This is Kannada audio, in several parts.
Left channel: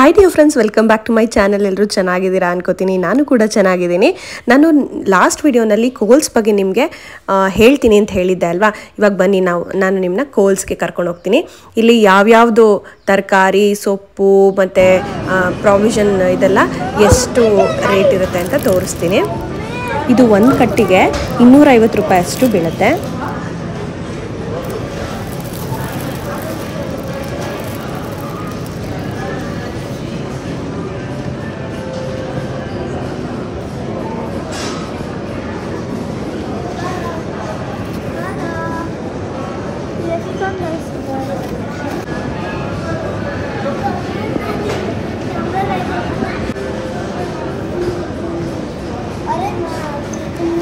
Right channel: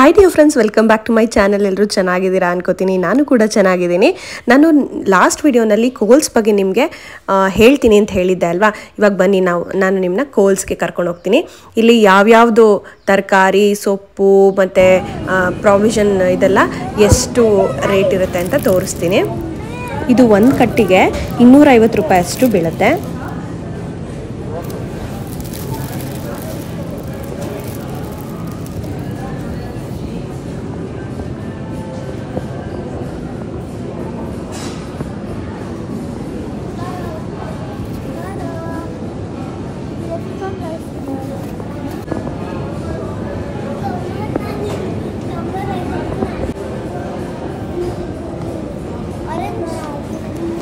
Hi dear friends, welcome back to my channel. ಎಲ್ಲರೂ ಚೆನ್ನಾಗಿದ್ದೀರಾ ಅನ್ಕೋತೀನಿ. ನಾನು ಕೂಡ ಚೆನ್ನಾಗಿದ್ದೀನಿ. ನಾನು ಲಾಸ್ಟ್ ವಿಡಿಯೋನಲ್ಲಿ ಕೋಲ್ಸ್ ಬಗ್ಗೆ ನಿಮಗೆ ಹೇಳ್ತೀನಿ ಅಂತ ಹೇಳಿದ್ದೆ ಅಲ್ವಾ. ಇವಾಗ ಬನ್ನಿ ನಾನು ನಿಮ್ಮನ್ನ ಕೋಲ್ಸ್ಗೆ ಕರ್ಕೊಂಡು ಹೋಗ್ತೀನಿ. ಇಲ್ಲಿ ಯಾವ್ಯಾವುದು ತರಕಾರಿ, ಸೊಪ್ಪು ಮತ್ತು ಪ್ರಾವಿಷನ್ ಇದೆಲ್ಲ ಎಷ್ಟು ರೇಟ್ ಇರುತ್ತೆ ಅಂತ ತೋರಿಸ್ತೀನಿ. ಇದು ಒಂದು ಕಟ್ಟಿಗೆ 250 ರೂಪಾಯಿ ಅಷ್ಟು ಬೀಳುತ್ತೆ.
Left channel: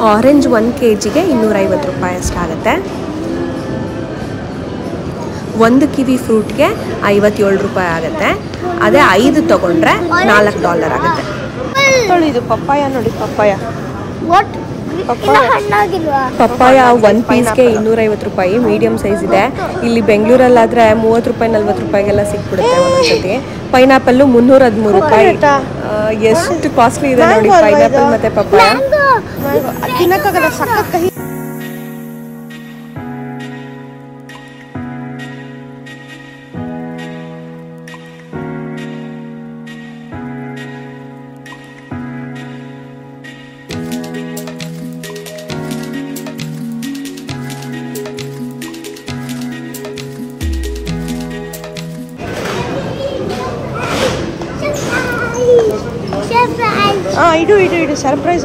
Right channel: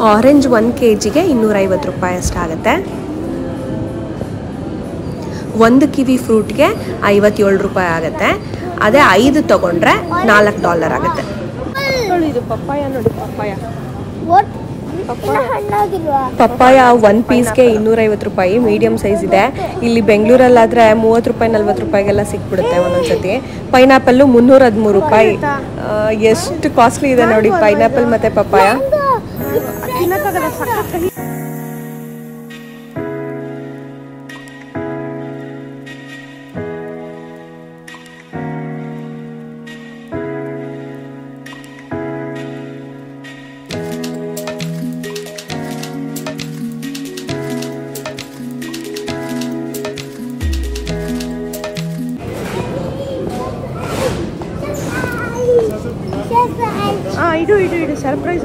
ಆರೆಂಜ್ 1 kgಗೆ 250 ರೂಪಾಯಿ ಅಷ್ಟಾಗುತ್ತೆ. ಒಂದು ಕಿವಿ ಫ್ರೂಟ್ಗೆ 57 ರೂಪಾಯಿ ಆಗುತ್ತೆ. ಅದೇ 5 ತಗೊಂಡ್ರೆ $4 ಆಗುತ್ತೆ. ಇದು ಪಪ್ಪಾಯ ನೋಡಿ, ಪಪ್ಪಾಯ 1 ಪೀಸ್ಗೆ 250 ರೂಪಾಯಿ. ಮೀಡಿಯಂ ಸೈಜ್ ಇದೆ. ಇಲ್ಲಿ ಬೆಂಗಳೂರಲ್ಲಾದರೆ 30 ರೂಪಾಯಿ 40 ರೂಪಾಯಿಗೆಲ್ಲ ಸಿಕ್ಬಿಡುತ್ತೆ ಒಂದೊಂದ್ಸತಿ. ಪೈನಾಪಲ್ಲು 313 ರೂಪಾಯಿ. ಎಷ್ಟು ಕಾಸ್ಟ್ಲಿ ಇದೆ ನೋಡಿ ಪೈನಾಪಲ್ ಮತ್ತು ಪಪ್ಪಾಯ. ತಿನ್ನಕ್ಕಾಗಲ್ಲ, ಸಖತ್ ಕಹಿ. ಇಡು ಸರ್ಪ್ರೈಸ್.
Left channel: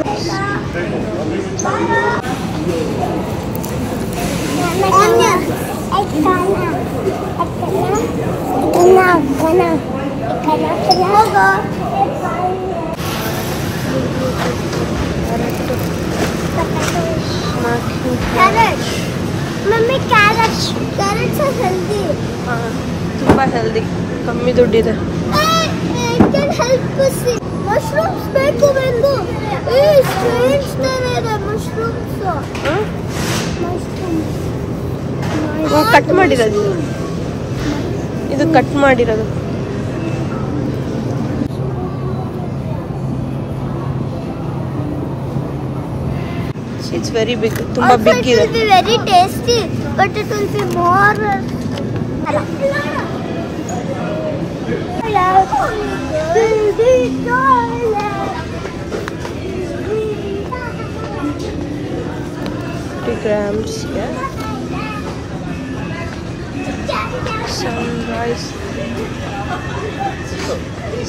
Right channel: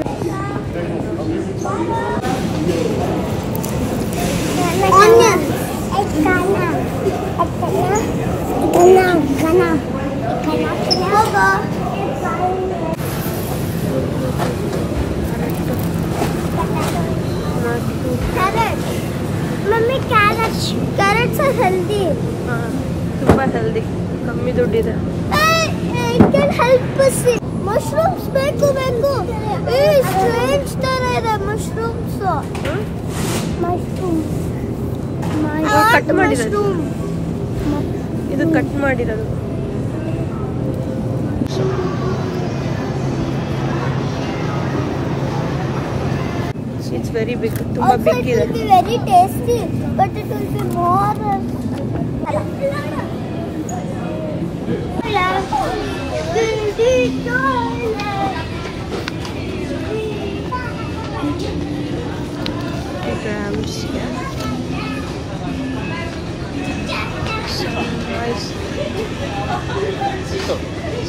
ತುಂಬ ಹೆಲ್ದಿ, ಕಮ್ಮಿ ದುಡ್ಡಿದೆ. ಮಶ್ರೂಮ್ಸ್ ಬೇಕು ಬಂದು ಕಟ್ ಮಾಡಿರೋದು, ಇದು ಕಟ್ ಮಾಡಿರೋದು. ಇಟ್ಸ್ ವೆರಿ ಬಿಗ್, ತುಂಬಾ ಬಿಗ್ ಇದೆ. Very tasty, but it will be more. grams, yeah. Sunrise.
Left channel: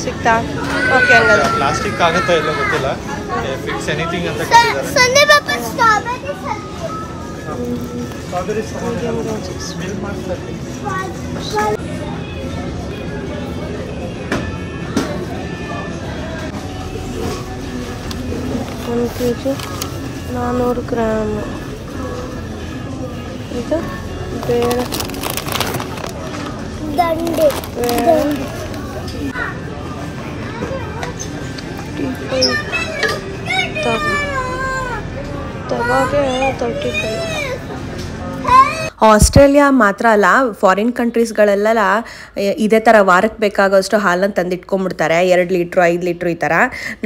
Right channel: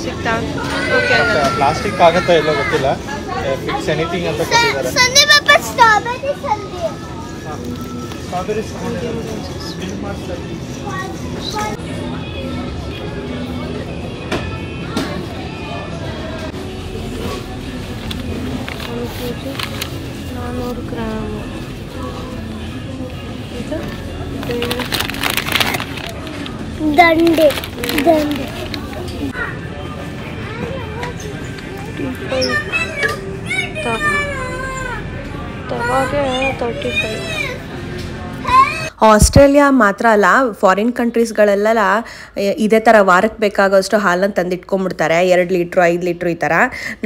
ಸಿಗ್ತಾ? ಓಕೆ, ಹಂಗಾದ್ರೆ ಪ್ಲಾಸ್ಟಿಕ್ ಆಗುತ್ತಾ ಇಲ್ಲ ಗೊತ್ತಿಲ್ಲ. ಫಿಕ್ಸ್ ಎನಿಥಿಂಗ್ ಅಂತ ಕಟ್ಟಿದ್ದಾರೆ. ಸನ್ನೆ ಪಾಪ ಸ್ಟ್ರಾಬೆರಿ ಸನ್ನೆ. ಸ್ಟ್ರಾಬೆರಿ ಸ್ಮೆಲ್ ಮಾಡ್ತಾರೆ. 1 kg 400 ಗ್ರಾಮ್. ಇದು ಬೇರೆ ದಂಡೆ ತವಾಗೆ 35. ಆಸ್ಟ್ರೇಲಿಯಾ ಮಾತ್ರ ಅಲ್ಲ, ಫಾರಿನ್ ಕಂಟ್ರೀಸ್ಗಳೆಲ್ಲ ಇದೇ ಥರ ವಾರಕ್ಕೆ ಬೇಕಾಗೋಷ್ಟು ಹಾಲನ್ನು ತಂದಿಟ್ಕೊಂಡ್ಬಿಡ್ತಾರೆ. 2 ಲೀಟ್ರು 5 ಲೀಟ್ರು ಈ ಥರ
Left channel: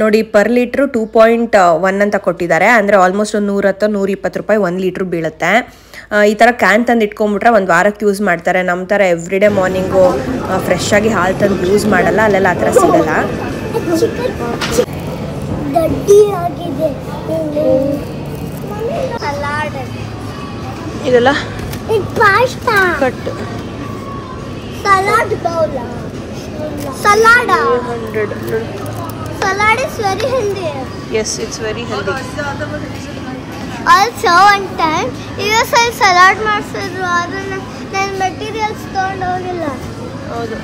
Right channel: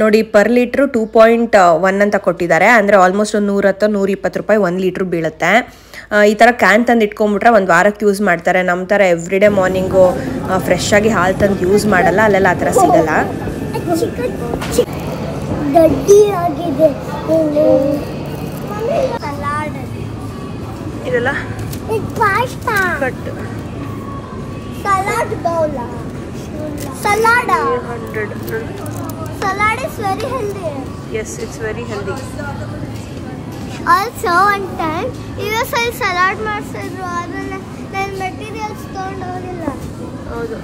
ನೋಡಿ. ಪರ್ ಲೀಟ್ರು 2.1 ಅಂತ ಕೊಟ್ಟಿದ್ದಾರೆ. ಅಂದರೆ ಆಲ್ಮೋಸ್ಟ್ 110-120 ರೂಪಾಯಿ 1 ಲೀಟ್ರು ಬೀಳುತ್ತೆ. ಈ ಥರ ಕ್ಯಾನ್ ತಂದು ಇಟ್ಕೊಂಡ್ಬಿಟ್ರೆ ಒಂದು ವಾರಕ್ಕೆ ಯೂಸ್ ಮಾಡ್ತಾರೆ. ನಮ್ಮ ಥರ ಎವ್ರಿಡೇ ಮಾರ್ನಿಂಗು ಫ್ರೆಶ್ ಆಗಿ ಹಾಲು ತಂದು ಯೂಸ್ ಮಾಡಲ್ಲ. ಅಲ್ಲೆಲ್ಲ ಆ ಥರ ಸಿಗಲ್ಲ. ಇದೆಲ್ಲ cut salad bowl. Salad 100. Salad is very healthy. Yes, it's very healthy. Also one time US I salad ಮಾಡ್ಸಿದ್ರು, ಅದನ್ನ ನಾನು ಮೆಟೀರಿಯಲ್ಸ್ ತಗೊಂಡು ಹೋಗಿಲ್ಲ. ಹೌದು.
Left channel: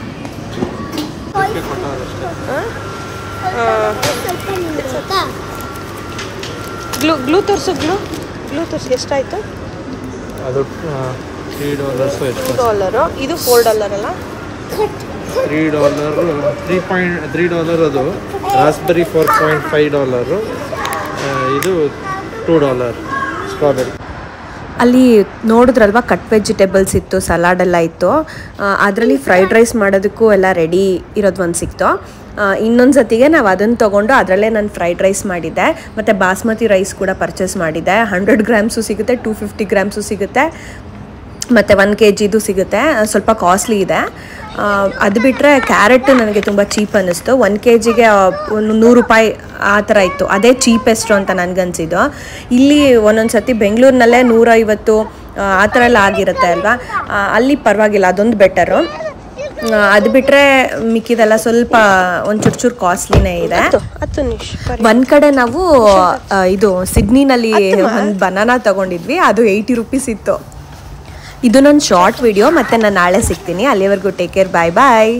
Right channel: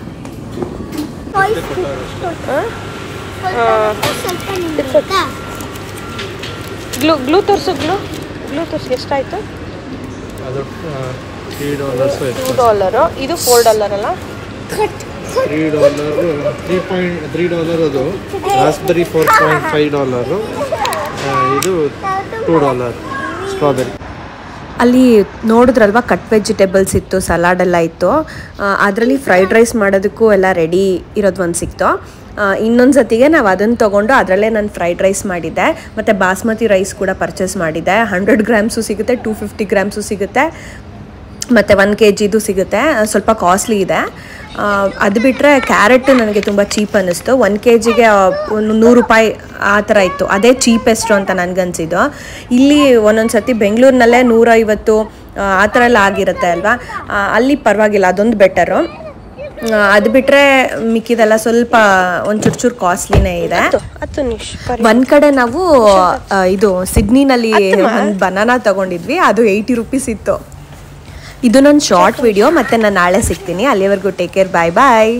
ಗ್ಲೂ ತೋರಿಸು, ಗ್ಲೂ ತೋರಿಸಿ. ಎಷ್ಟಾಯಿತು? ಅದು $2. ಇದು $4 ಅಲ್ಲ? $3 ಅದು. ರಾಸ್ಬೆರಿ $4.5. ಇದು $2 ಸ್ಟ್ರಾಬೆರಿ. ಅಲ್ಲಿ ನೋಡಿದ್ರಲ್ವ ಕಟ್ ವೆಜಿಟೇಬಲ್ಸ್ ಇತ್ತು, ಸಲಾಡ್ ಎಲ್ಲ ಇತ್ತು. ಅದರಲ್ಲಿ ಫ್ರೈಡ್ ರೈಸ್ ಮಾಡೋದಕ್ಕೂ ಎಲ್ಲ ರೆಡಿ ಇರೋದು ಒಂದು ಸಿಕ್ತು. ಇನ್ನೊಂದು ಸತಿಗೆ ನಾವು ಅದನ್ನು ತೊಗೊಂಡು ಅದರಲ್ಲೇ ನಾನು ಫ್ರೈಡ್ ರೈಸ್ ಮಾಡಿದ್ದೆ. ಮತ್ತು ಬಾಸ್ಮತಿ ರೈಸ್ ಕೂಡ ಪರ್ಚೇಸ್ ಮಾಡಿದ್ದೆ. 100 ಗ್ರಾಮ್ಸು ಸಿಗುತ್ತೆ, 250 ಗ್ರಾಮ್ಸು ಸಿಗುತ್ತೆ, ಮತ್ತು 1 kgದು ಸಿಗುತ್ತೆ. ಸ್ವಲ್ಪ ಕಾಸ್ಟ್ಲಿ ಇದೆ. ಅದು ಬಿಟ್ಟರೆ ಕ್ಯಾರೆಟ್ ನನಗೆ ತುಂಬ ಚೀಪ್ ಅನ್ನಿಸ್ತು. 1 kgಗೆ 100 ರೂಪಾಯಿ ಆ ಥರ ಇತ್ತು. ಅದೇ ಚೀಪೆಸ್ಟು ಅಂತ ನನಗನ್ಸಿದ್ದು. ಇಲ್ಲಿ ಒಂದೊಂದು ಸತಿ ಬೆಂಗಳೂರಿನಲ್ಲೇ 150 ಆ ಥರ ಎಲ್ಲ ಆಗಿರುತ್ತೆ ಅಲ್ವಾ, ಅಲ್ಲಿ ಪರವಾಗಿಲ್ಲ, ಅದೊಂದು ಬೆಟರು. ಅದು ಬಿಟ್ಟರೆ ಮಿಕ್ಕಿದೆಲ್ಲ ಸ್ವಲ್ಪ ಒಂದು ಚೂರು ಕಾಸ್ಟ್ಲಿನೇ ಇದೆ. ಒಂದು ಕಡೆ ನಾವು ಇದು ಸಿಡ್ನಿನಲ್ಲಿ ಒಂದು ಬನಾನಾ ತೊಗೊಂಡಿದ್ವಿ, ಅದು 80 ರೂಪೀಸ್ ಇತ್ತು. ಇದು ನನ್ನ ಶಾರ್ಟ್ ವಿಡಿಯೋ, ಮತ್ತು ನಾನು ನಾಳೆ ಸಿಗ್ತೀನಿ. ಅಲ್ಲಿವರೆಗೂ ಟೇಕ್ ಕೇರ್, ಬಾಯ್ ಬಾಯ್.